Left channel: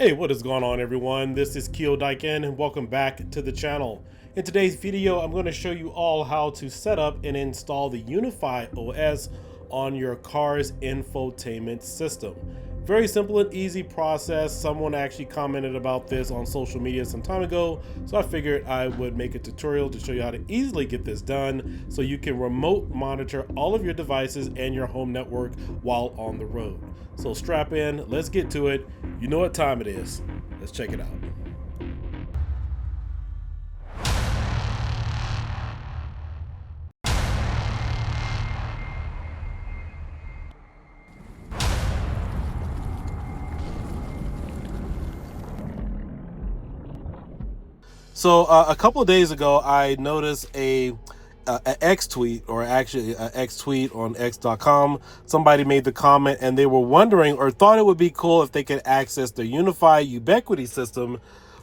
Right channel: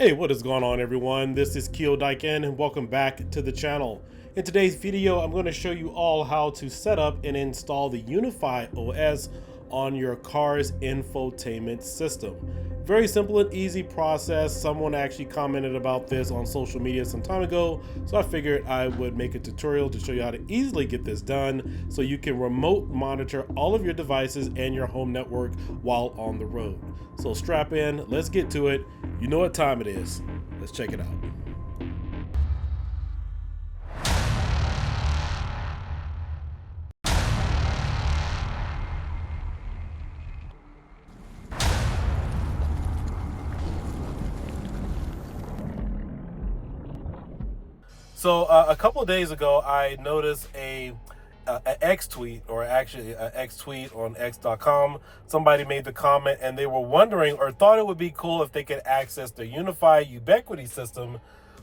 Hey, what is going on everyone? This is Keo Daiken and welcome back to the channel. In today's video, I'm going to show you all how to set up and install the Unifi OS on your car's infotainment system. Very simple and easy process. Someone actually commented about this on social media some time ago, so I figured I would make a tutorial to show you how to easily get this done so you can remote monitor all of your devices and your home network while on the road. So strap in, let's get to it. You know what time it is. Let's check it out. So a couple of days ago, I noticed an X tweet, or actually an X tweet on x.com. Somebody made the comment and they were wondering or thought it would be cool if they could access the Unifi Ubiquiti system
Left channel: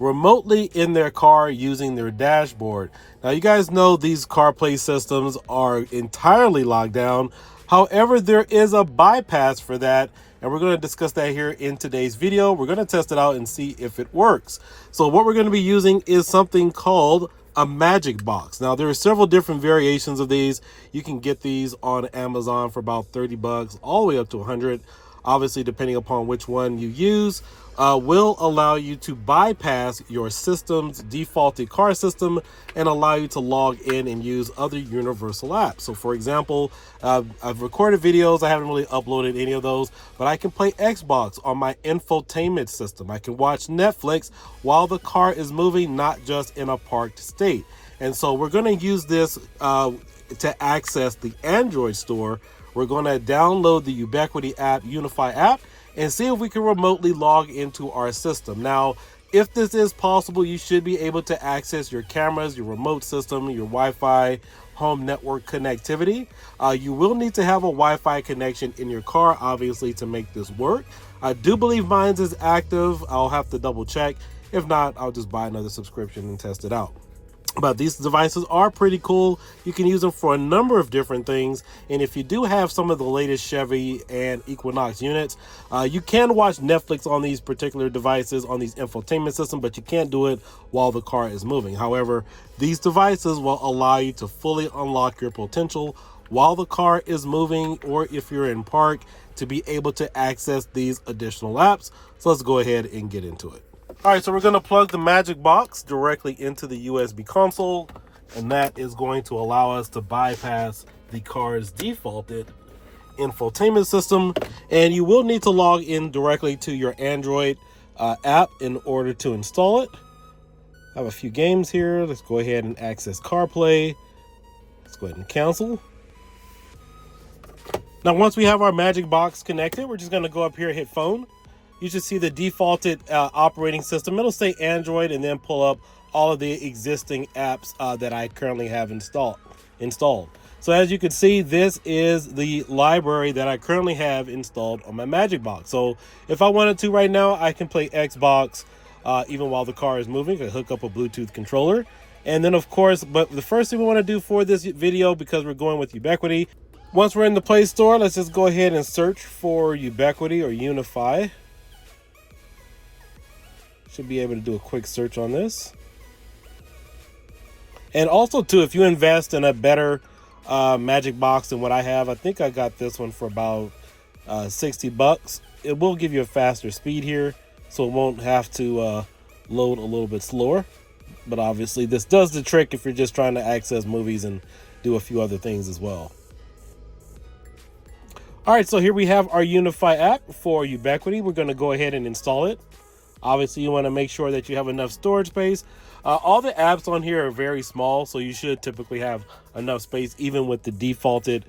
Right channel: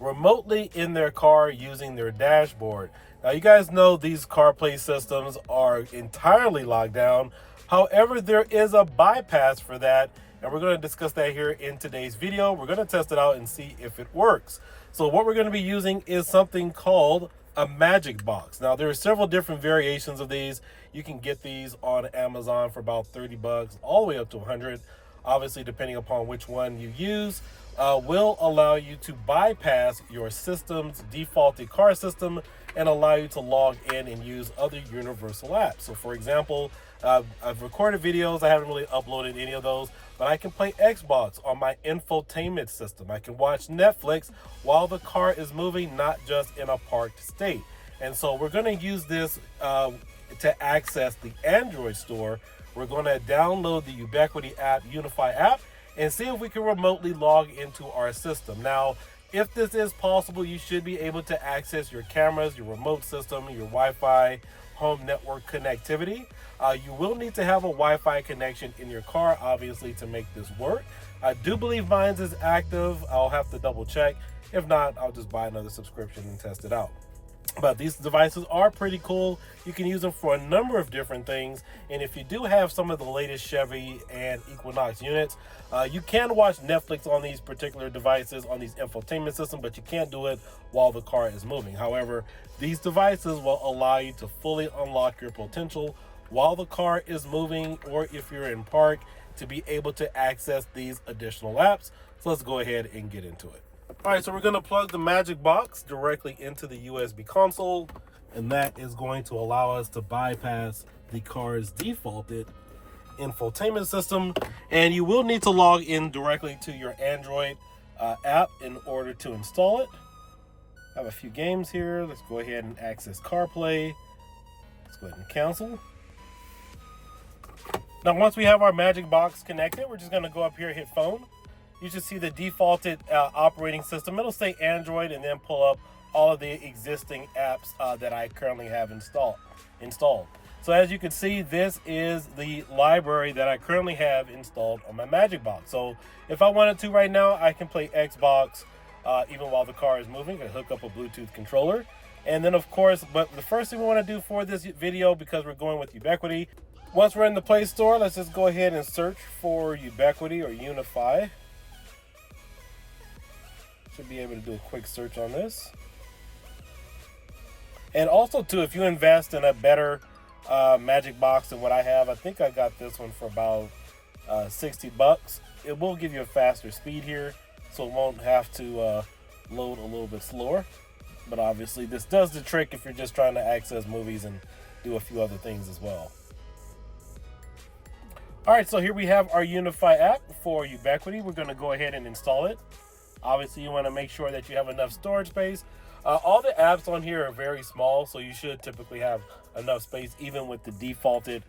remotely in their car using their dashboard. Now, you guys know these CarPlay systems are entirely locked down. However, there is a bypass for that, and we're going to discuss that here in today's video. We're going to test it out and see if it works. So what we're going to be using is something called a magic box. Now, there are several different variations of these. You can get these on Amazon for about 30 bucks, all the way up to 100. Obviously, depending upon which one you use, will allow you to bypass your system's defaulted car system and allow you to log in and use other universal apps. So for example, I've recorded videos. I haven't really uploaded any of those, but I can play Xbox on my infotainment system. I can watch Netflix while the car is moving, not just in a parked state. And so we're going to use this to access the Android store. We're going to download the Ubiquiti app, Unifi app, and see if we can remotely log into our system. Now, if this is possible, you should be able to access your cameras, your remote system, your Wi-Fi, home network connectivity. You will need to have a Wi-Fi connection in your car, obviously, to make this work. I do believe mine is active. I'll have to double check. If not, I'll just buy another subscription and test it out. But these devices are pretty cool. You can use them for a number of different things. And if you do have some of the latest Chevy and Equinox units, you can watch Netflix on these particular devices, on these infotainment systems, but you can't do it while the car is moving. However, these devices will allow you to fully unlock your potential while the car is moving, or if you're in park, to be able to access these additional apps. So let's go ahead and get into it. All right, so we're going to plug the magic box directly into the USB console, and that is going to allow us to bypass the car's defaulted infotainment system. And you will need to log in directly to your Android app in order to install it. I have a few games here. Let's go ahead and access CarPlay. Let's go ahead and cancel. Now, once we have our magic box connected, we're just going to go up here, hit phone. You should see the defaulted operating system. It'll say Android, and then pull up all of the existing apps that I currently have installed. So as you can see, this is the library that I currently have installed on my magic box. So if I wanted to right now, I can play Xbox even while the car is moving. I can hook up a Bluetooth controller. And then of course, but the first thing we want to do for this video, because we're going with Ubiquiti, once we're in the Play Store, let's just go ahead and search for Ubiquiti or Unifi. Should be able to do a quick search on this. And also too, if you invest in a better magic box than what I have, I think I got this one for about 60 bucks. It will give you a faster speed here, so it won't have to load a little bit slower. But obviously this does the trick if you're just trying to access movies and do a few other things as well. All right, so here we have our Unifi app for Ubiquiti. We're going to go ahead and install it. Obviously, you want to make sure that you have enough storage space. All the apps on here are very small, so you should typically have enough space, even with the defaulted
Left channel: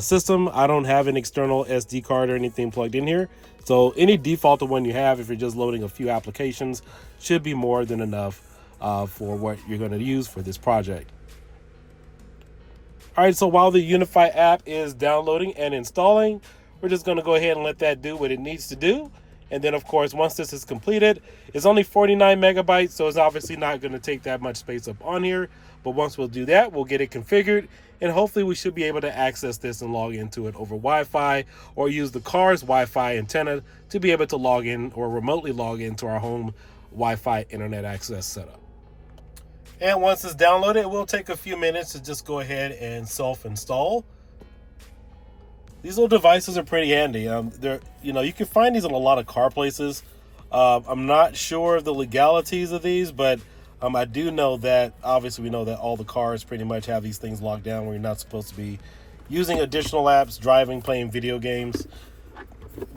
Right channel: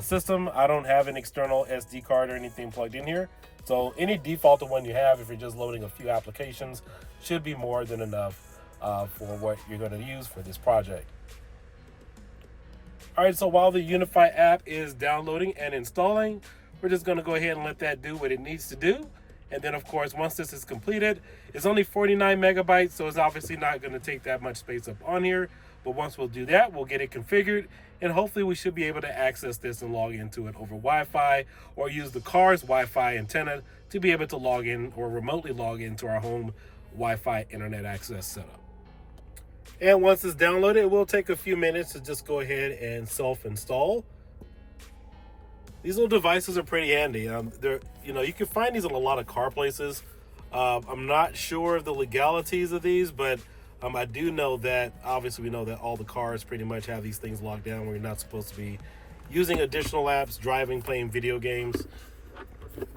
system. I don't have an external SD card or anything plugged in here. So any defaulted one you have, if you're just loading a few applications, should be more than enough for what you're going to use for this project. All right, so while the Unifi app is downloading and installing, we're just going to go ahead and let that do what it needs to do. And then, of course, once this is completed, it's only 49 megabytes, so it's obviously not going to take that much space up on here. But once we'll do that, we'll get it configured, and hopefully we should be able to access this and log into it over Wi-Fi, or use the car's Wi-Fi antenna to be able to log in or remotely log into our home Wi-Fi internet access setup. And once it's downloaded, it will take a few minutes to just go ahead and self-install. These little devices are pretty handy. You can find these in a lot of car places. I'm not sure of the legalities of these, but I do know that, obviously, we know that all the cars pretty much have these things locked down where you're not supposed to be using additional apps, driving, playing video games.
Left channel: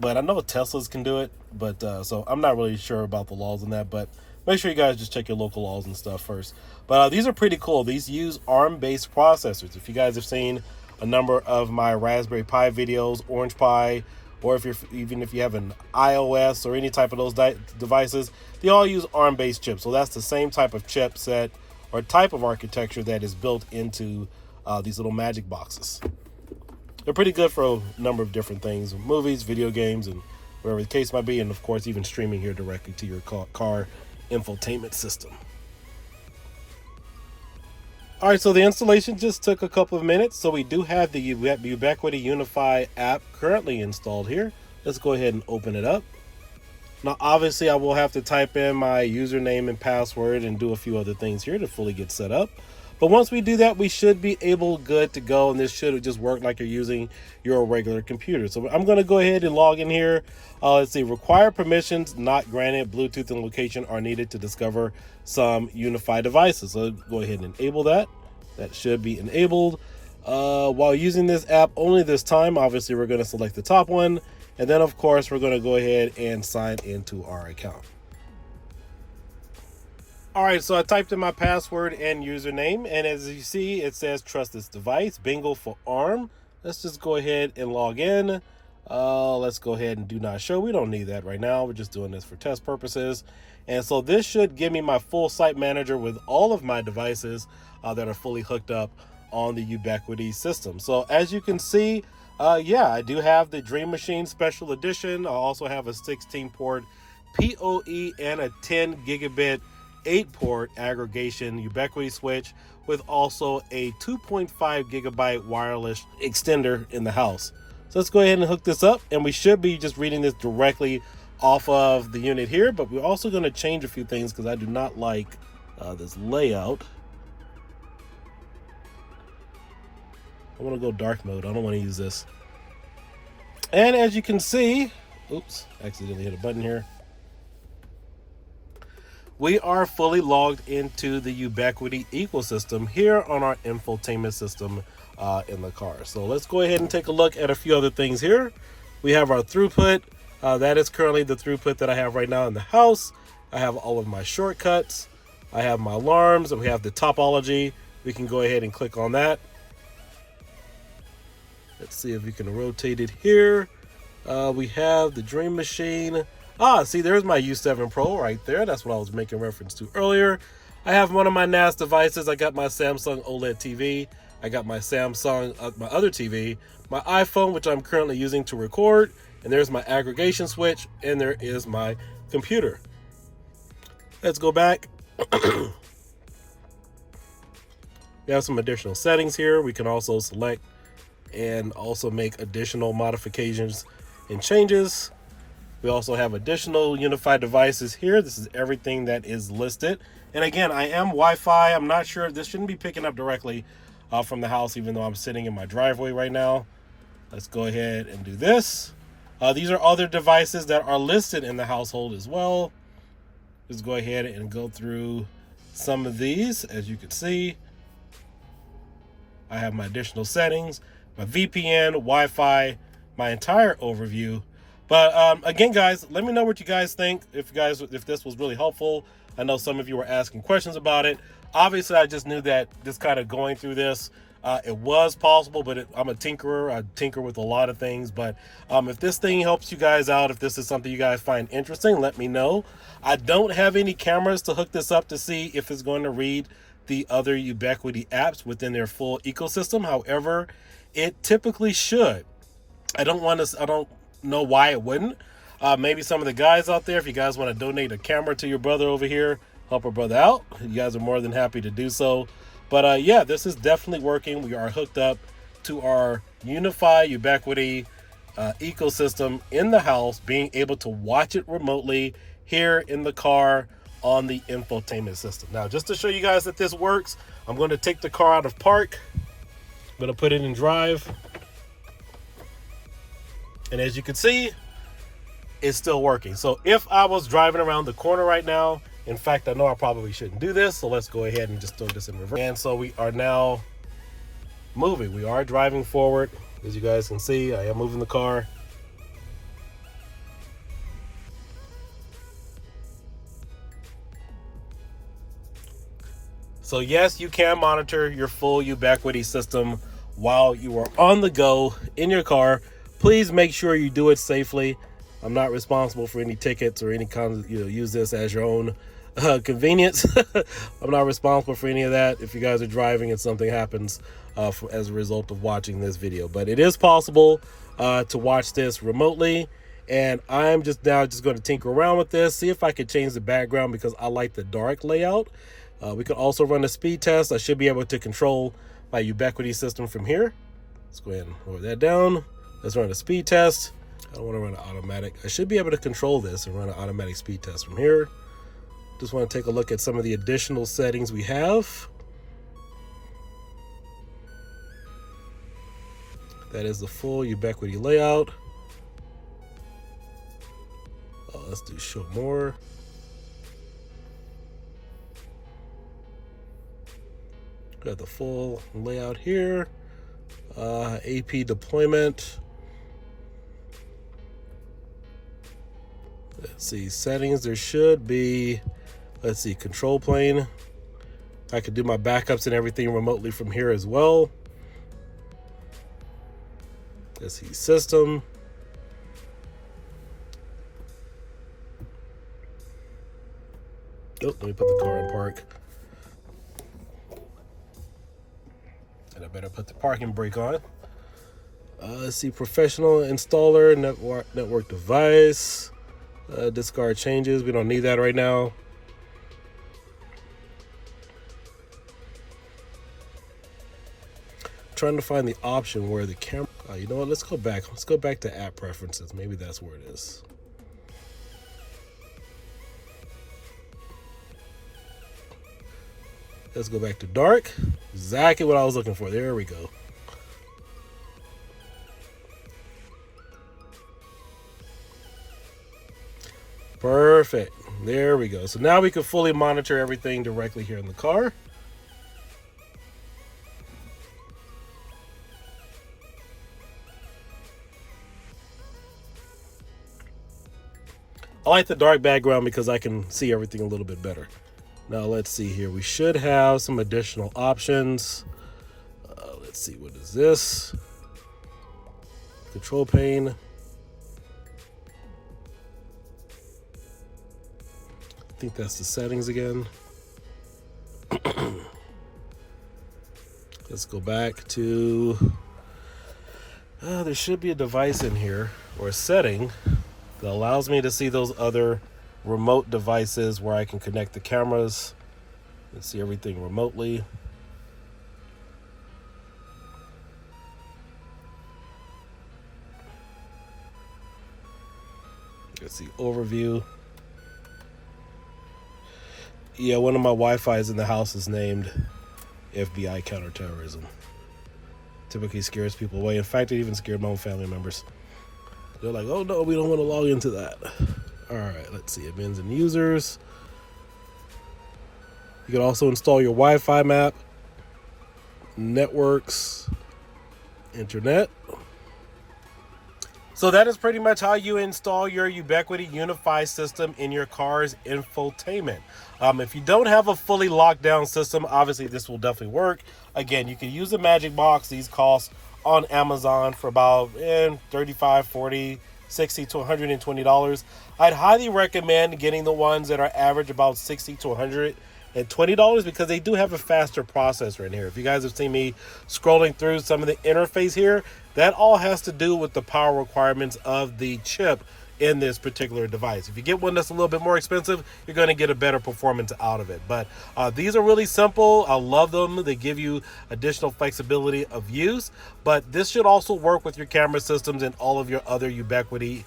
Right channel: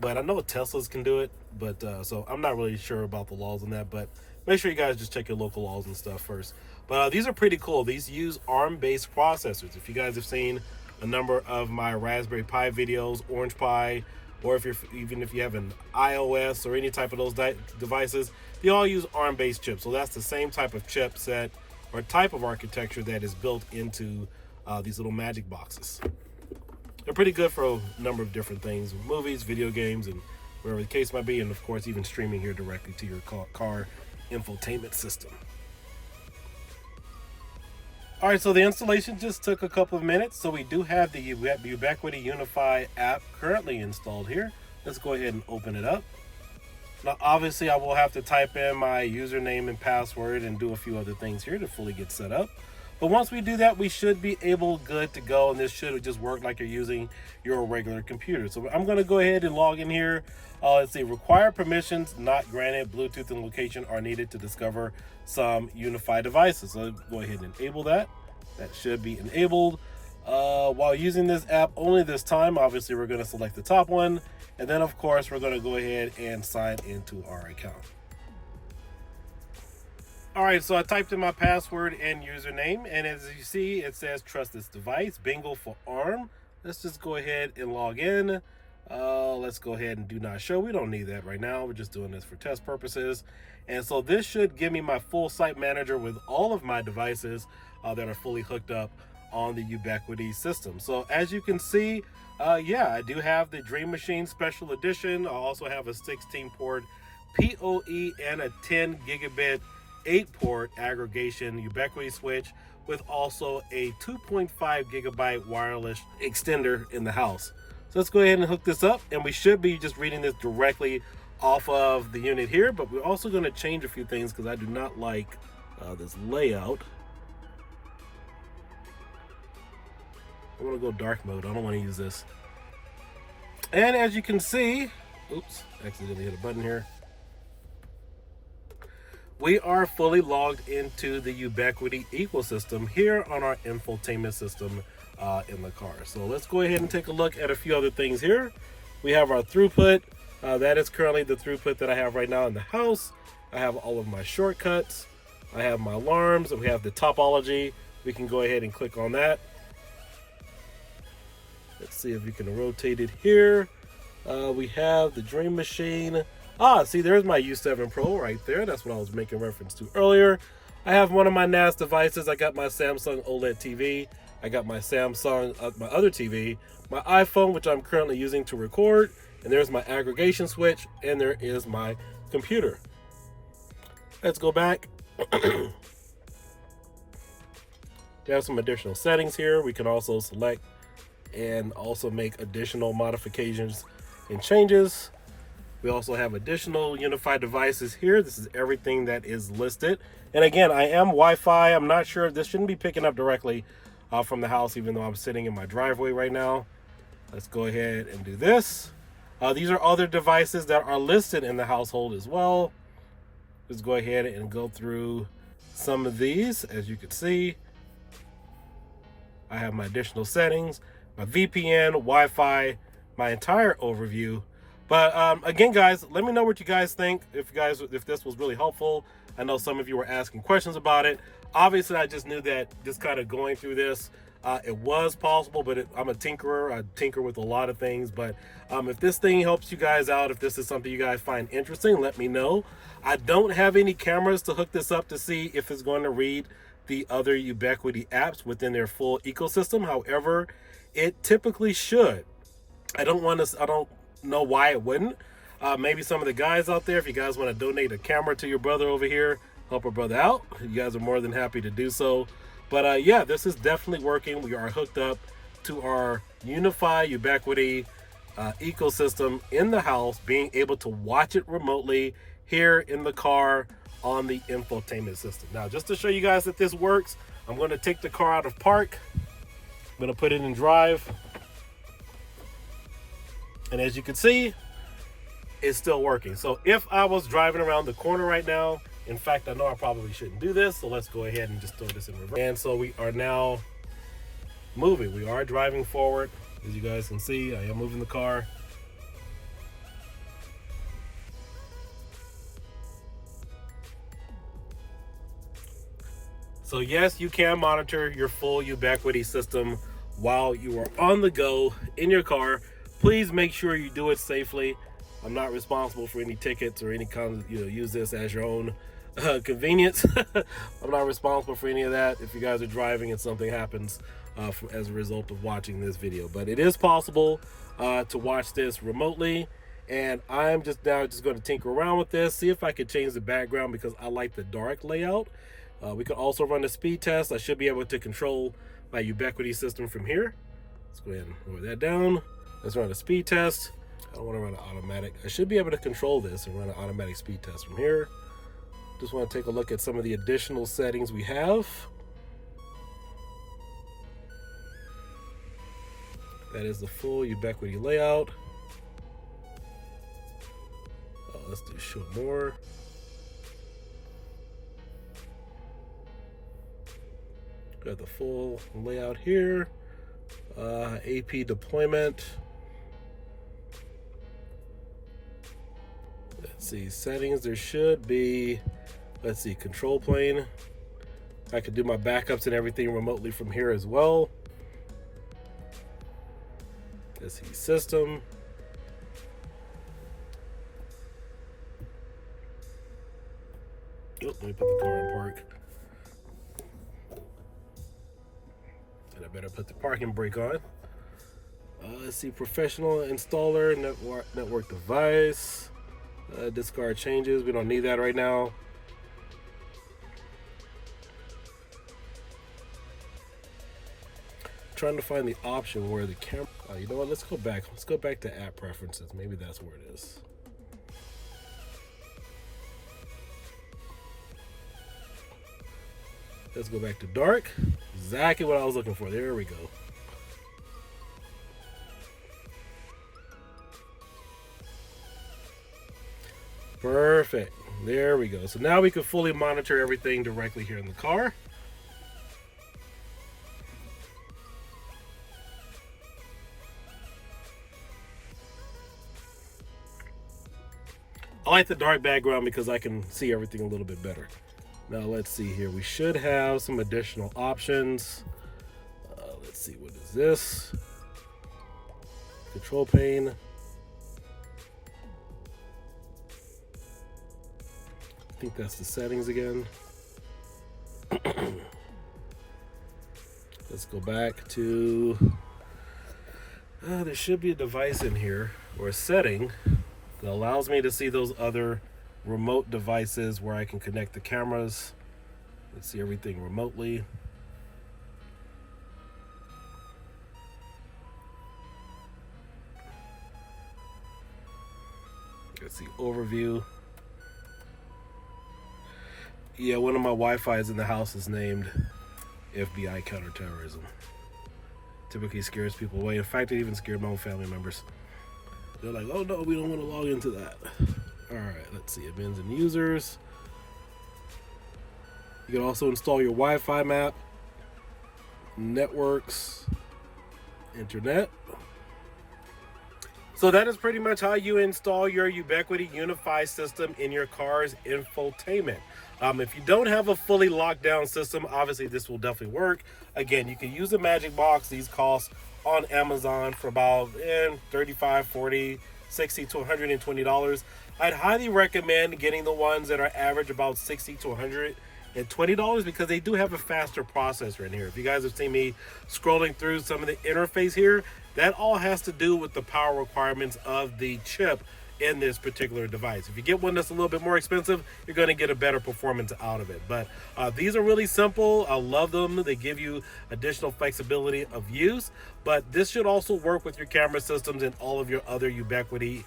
But I know Teslas can do it, but so I'm not really sure about the laws on that, but make sure you guys just check your local laws and stuff first. But these are pretty cool. These use ARM-based processors. If you guys have seen a number of my Raspberry Pi videos, Orange Pi, or even if you have an iOS or any type of those devices, they all use ARM-based chips. So that's the same type of chipset or type of architecture that is built into these little magic boxes. They're pretty good for a number of different things: movies, video games, and whatever the case might be, and of course even streaming here directly to your car infotainment system. All right, so the installation just took a couple of minutes. So we do have the Ubiquiti Unifi app currently installed here. Let's go ahead and open it up. Now, obviously, I will have to type in my username and password and do a few other things here to fully get set up. But once we do that, we should be good to go, and this should just work like you're using your regular computer. So I'm going to go ahead and log in here. Let's see, required permissions not granted. Bluetooth and location are needed to discover some Unifi devices. So go ahead and enable that. That should be enabled. While using this app only this time, obviously we're going to select the top one, and then of course we're going to go ahead and sign into our account. All right, so I typed in my password and username, and as you see, it says trust this device, bingo for ARM. Let's just go ahead and log in. Let's go ahead and do not show. We don't need that right now. We're just doing this for test purposes. And so this should give me my full site manager with all of my devices that are fully hooked up on the Ubiquiti system. So as you can see, yeah, I do have the Dream Machine Special Edition. I also have a 16-port PoE and a 10 gigabit 8-port aggregation Ubiquiti switch with also a 2.5 gigabyte wireless extender in the house. So let's go ahead and hook this up, and we should be just reading this directly off of the unit here, but we're also going to change a few things because I do not like this layout. I want to go dark mode. I don't want to use this. And as you can see, oops, accidentally hit a button here. We are fully logged into the Ubiquiti ecosystem here on our infotainment system in the car. So let's go ahead and take a look at a few other things here. We have our throughput. That is currently the throughput that I have right now in the house. I have all of my shortcuts. I have my alarms, and we have the topology. We can go ahead and click on that. Let's see if we can rotate it here. We have the Dream Machine. See, there's my U7 Pro right there. That's what I was making reference to earlier. I have one of my NAS devices. I got my Samsung OLED TV. I got my Samsung, my other TV, my iPhone, which I'm currently using to record. And there's my aggregation switch. And there is my computer. Let's go back. We have some additional settings here. We can also select and also make additional modifications and changes. We also have additional Unifi devices here. This is everything that is listed. And again, I am Wi-Fi. I'm not sure if this shouldn't be picking up directly from the house, even though I'm sitting in my driveway right now. Let's go ahead and do this. These are other devices that are listed in the household as well. Let's go ahead and go through some of these. As you can see, I have my additional settings, my VPN, Wi-Fi, my entire overview. But again, guys, let me know what you guys think. If this was really helpful. I know some of you were asking questions about it. Obviously, I just knew that just kind of going through this, it was possible, but I'm a tinkerer. I tinker with a lot of things. But if this thing helps you guys out, if this is something you guys find interesting, let me know. I don't have any cameras to hook this up to see if it's going to read the other Ubiquiti apps within their full ecosystem. However, it typically should. I don't know why it wouldn't. Maybe some of the guys out there, if you guys want to donate a camera to your brother over here, help a brother out, you guys are more than happy to do so. But yeah, this is definitely working. We are hooked up to our Unifi Ubiquiti ecosystem in the house, being able to watch it remotely here in the car on the infotainment system. Now, just to show you guys that this works, I'm going to take the car out of park. I'm going to put it in drive. And as you can see, it's still working. So if I was driving around the corner right now, in fact, I know I probably shouldn't do this, so let's go ahead and just throw this in reverse. And so we are now moving. We are driving forward. As you guys can see, I am moving the car. So yes, you can monitor your full Ubiquiti system while you are on the go in your car. Please make sure you do it safely. I'm not responsible for any tickets or any kind of, use this as your own convenience. I'm not responsible for any of that if you guys are driving and something happens as a result of watching this video. But it is possible to watch this remotely, and I'm just going to tinker around with this, see if I can change the background because I like the dark layout. We can also run a speed test. I should be able to control my Ubiquiti system from here. Let's go ahead and lower that down. Let's run a speed test. I don't want to run an automatic. I should be able to control this and run an automatic speed test from here. Just want to take a look at some of the additional settings we have. That is the full Ubiquiti layout. Let's do show more. Got the full layout here. AP deployment. Let's see, settings. There should be, let's see, control plane. I could do my backups and everything remotely from here as well. Let's see, system. Oh, let me put the car in park. And I better put the parking brake on. Let's see, professional installer, network device. Discard changes. We don't need that right now. Trying to find the option where the camera. You know what? Let's go back. Let's go back to app preferences. Maybe that's where it is. Let's go back to dark. Exactly what I was looking for. There we go. Perfect. There we go. So now we can fully monitor everything directly here in the car. I like the dark background because I can see everything a little bit better. Now let's see here. We should have some additional options. Let's see, what is this? Control pane. I think that's the settings again. Let's go back to, there should be a device in here or a setting that allows me to see those other remote devices where I can connect the cameras and see everything remotely. Let's see, overview. Yeah, one of my Wi-Fi's in the house is named FBI Counterterrorism. Typically scares people away. In fact, it even scared my own family members. They're like, oh no, we don't want to log into that. All right, let's see, admins and users. You can also install your Wi-Fi map, networks, internet. So that is pretty much how you install your Ubiquiti Unifi system in your car's infotainment. If you don't have a fully locked down system, obviously this will definitely work. Again, you can use a Magic Box. These cost on Amazon for about $35, $40, $60 to $120. I'd highly recommend getting the ones that are average about $60 to $120 because they do have a faster processor in here. If you guys have seen me scrolling through some of the interface here, that all has to do with the power requirements of the chip in this particular device. If you get one that's a little bit more expensive, you're going to get a better performance out of it. But these are really simple. I love them. They give you additional flexibility of use, but this should also work with your camera systems and all of your other Ubiquiti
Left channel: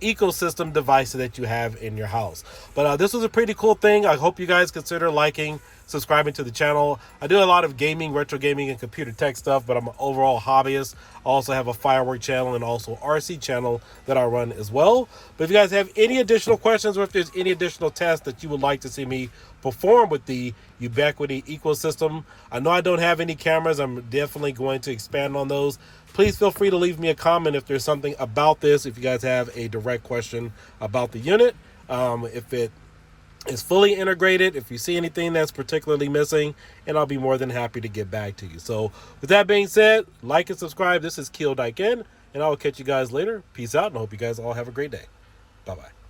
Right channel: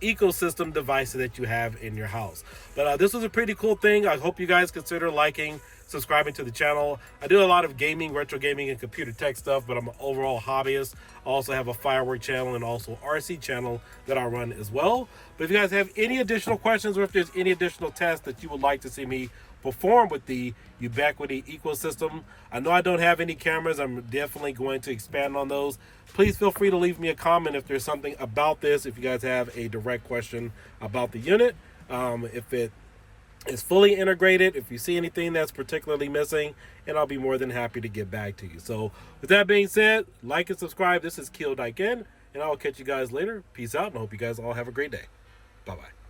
ecosystem devices that you have in your house. But this was a pretty cool thing. I hope you guys consider liking, subscribing to the channel. I do a lot of gaming, retro gaming, and computer tech stuff, but I'm an overall hobbyist. I also have a firework channel and also RC channel that I run as well. But if you guys have any additional questions, or if there's any additional tests that you would like to see me perform with the Ubiquiti ecosystem, I know I don't have any cameras. I'm definitely going to expand on those. Please feel free to leave me a comment if there's something about this, if you guys have a direct question about the unit, if it is fully integrated, if you see anything that's particularly missing, and I'll be more than happy to get back to you. So with that being said, like and subscribe. This is Keel Dyken, and I will catch you guys later. Peace out, and I hope you guys all have a great day. Bye-bye.